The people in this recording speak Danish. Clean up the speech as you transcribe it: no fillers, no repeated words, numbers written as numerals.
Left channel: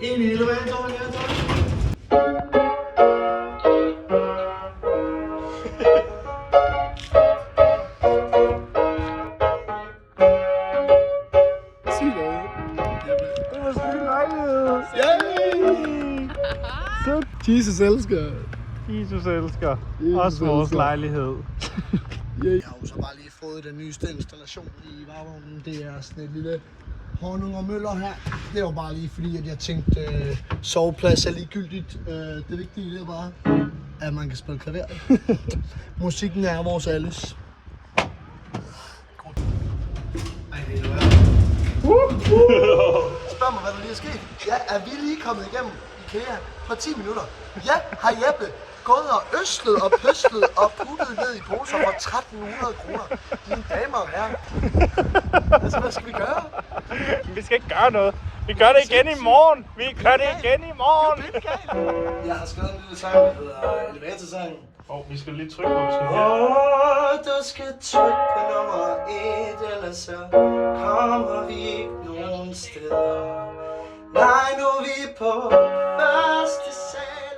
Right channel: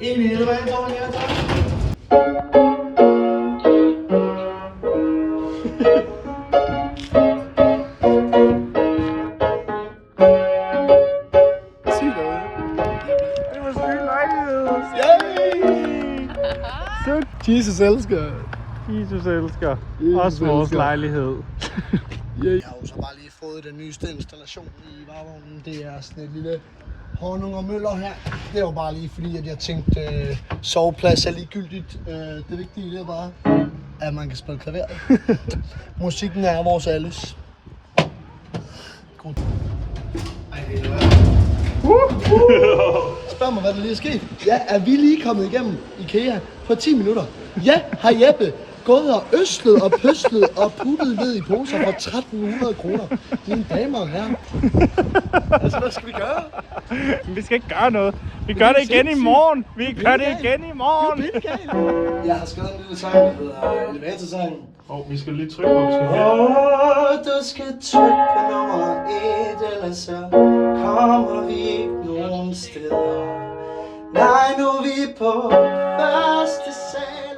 En i elevatoren, ja tak. Sig noget. Det var sygt lejlighed. Yay! Jesus elsker. Jesus elsker. Jesus Også vores elsker. lejlighed. Jeg har jo så bare lige fået den nyeste installation i varevognen. Det er sådan et lille honung og møller her. Det var bare lige fordi, at jeg tænkte, soveplads er ligegyldigt. Det vigtige det er bare, at man kan spille klaver. Musikken er vores alles. Ej, det er Spørg mig, hvad der lige er sket. Ja, er vi lige kommet igennem IKEA på 10 minutter? Ja, har Jeppe gået og øslet og pøslet og puttet ned i poser for 1300 kroner. Mine damer og herrer. Altså, hvad skal vi gøre? Vi skal ikke gøre noget. Vi gør det igen i morgen. Vi gør det igen i morgen. Det er galt. Jeg har skrevet en lille sang, der hedder Elevatorsangen. Vi skal lige trykke på det. Du skal trykke på nummer 1, ellers så kommer vi ikke nogen steder. Nej, nu er vi på første sal.